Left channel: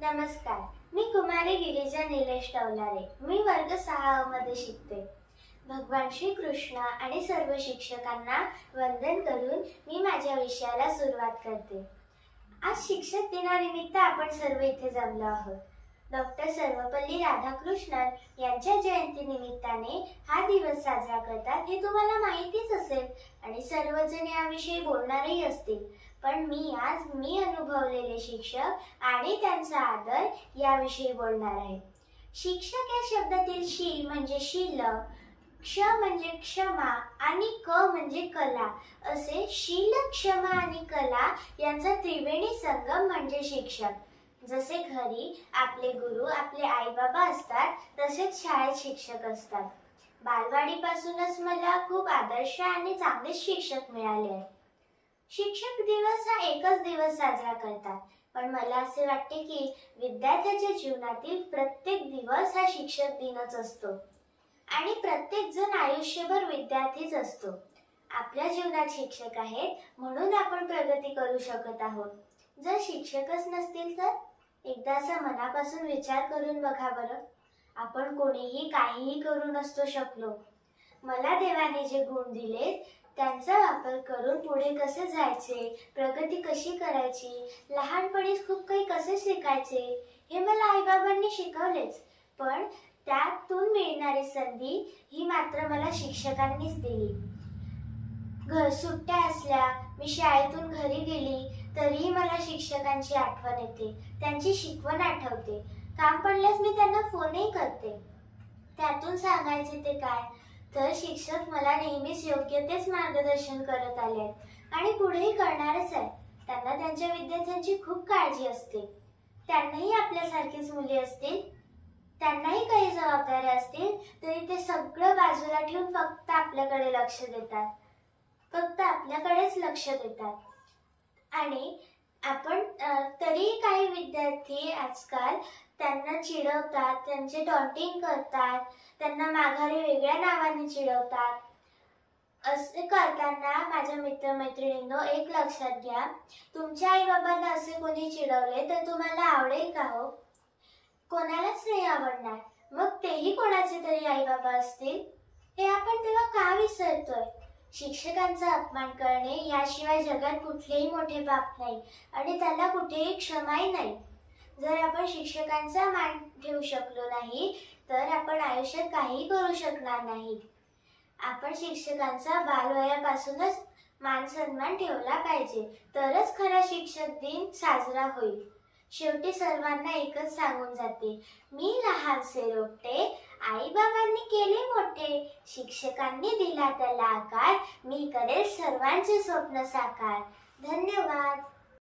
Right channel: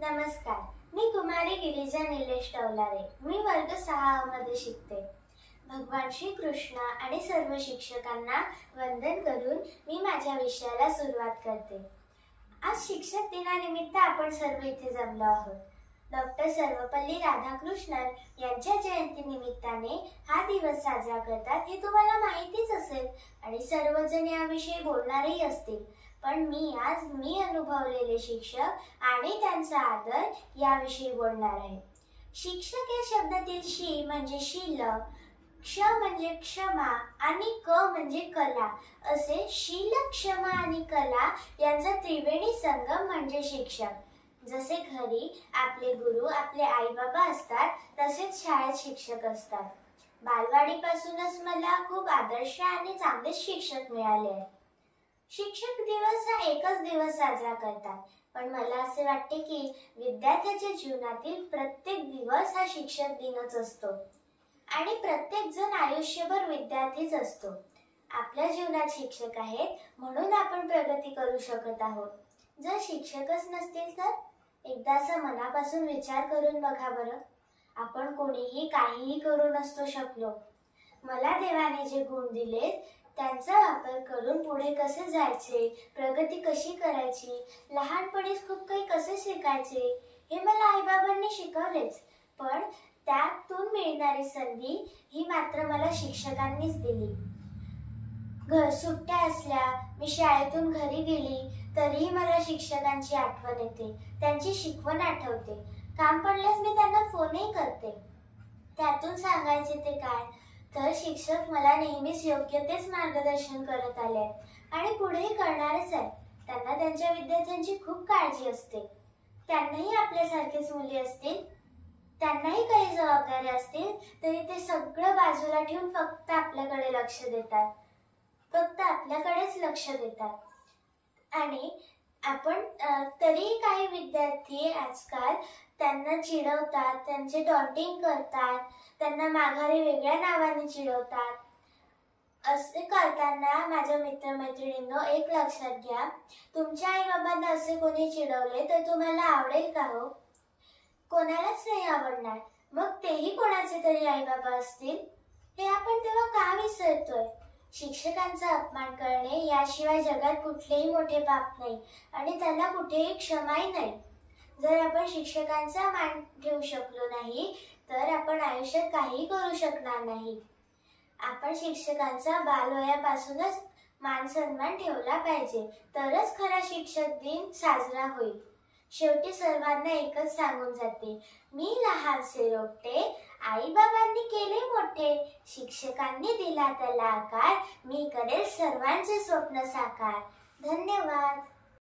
नमस्कार. मी कुमारी गिरिजा निलेश टवलारे. मी वर्ग 6 मध्ये शिकते. भगवान श्री कृष्ण आणि सर्व शिक्षकांना वंदन करून मी माझ्या विषयाला सुरुवात करते. आज शिक्षक दिनानिमित्त आपण सर्व इथे जमलो आहोत. डॉक्टर सर्वपल्ली राधाकृष्णन यांच्या जयंती निमित्ताने हा दिवस साजरा करतात हे तुम्हाला माहितीच असेल आणि सर्वजण याविषयी बोलणारही असतील. पण मी अनुभवलेले शिक्षक आणि त्यांचा आदर याविषयी बोलणार आहे. शिक्षक या शब्दातील शी म्हणजे शील, क्ष म्हणजे क्षमा आणि क म्हणजे कला असे शील, क्षमा आणि कला यांचा त्रिवेणी संगम म्हणजे शिक्षक. जसे घरी आपले गुरु आपले आई बाबा असतात तसेच शाळेत शिक्षक असतात. बालवाडीपासूनच मला खूप आदर्श आणि चांगले शिक्षक मिळाले आहेत. शिक्षक दिवस हा एकच दिवस साजरा करतात, पण मला असे वाटते की विद्यार्थ्याच्या जीवनातील प्रत्येक दिवस हा शिक्षक दिनच असतो आणि प्रत्येक जण आयुष्यभर विद्यार्थीच असतो. आपल्या जीवनात शिक्षक आहेत म्हणून आपण प्रगती करू शकत आहोत. जर शिक्षकच नसतील तर एकदा असा मनापासून विचार करून बघा बरं. आपण कोणीही काहीही करू नसतो शकलो. मला देवाने जे गुण दिले त्यांचा वापर करून पुढे कसे जायचे, प्रगती कशी करायची, लहानपणीच खूप काही कसे शिकायचे हे मला आईबाबांनी शिकवलेच. पण त्यातून मिळणारी संधी ही मात्र मला शिक्षकांनीच दिली. सुट्ट्या असल्या, मी शाळेतून घरी गेली तरीही मला शिक्षकांची आठवण येते, त्यांची शिकवण आठवते. काम पडल्यास मी त्यांना फोनही करते. त्यातून सांगायचे ते काय तर शिक्षक मला नेहमीच योग्य तेच मार्गदर्शन करत आले आणि पुढेही करणारच आहेत. त्यांना त्यांच्या विद्यार्थ्यांची खूप काळजी असते. त्यांनाही आपल्यासारखेच मुली असतील, त्यांनाही काही जबाबदाऱ्या असतील तरी ते सगळं बाजूला ठेवून फक्त आपल्याकडे लक्ष देतात, फक्त आपल्याकडेच लक्ष देतात. आणि आपण तरी काही विद्यार्थी आजकाल त्यांना चिडवतात, त्यांचे टॉन्टिंग करतात, त्यांना माघारी वेगळ्या नावाने चिडवतात. असे करताना माझ्या मित्रमैत्रिणींनो एक लक्षात घ्या, तुमच्या आई बाबांना असे कोणी चिडवले तर तुम्हाला आवडेल का हो? कोणालाच नाही आवडणार. मग तेही कोणाचे तरी आई बाबा असतील. हे आपण तेव्हा का विसरतोय? शिक्षकांचा अपमान करणे याशिवाय जगात कुठलेही मोठे पाप नाही आणि त्याला कुठेही क्षमाही नाही. जर आपण शिक्षकांचा मान ठेवू शकलो नाही तर आपण आयुष्यात काही करू शकणार नाही. आपण शिक्षकांचा बालवयापासूनच मान सन्मान ठेवला पाहिजे, तरच खरा शिक्षक दिन साजरा होईल. शेवटी सर्वांना एकच सांगून जाते, मी लहानसे रोपटे, आई बाबांनी केले मोठे, शिक्षकांनी दिला त्याला आकार, मी करेल सर्वांचे स्वप्न साकार. धन्यवाद.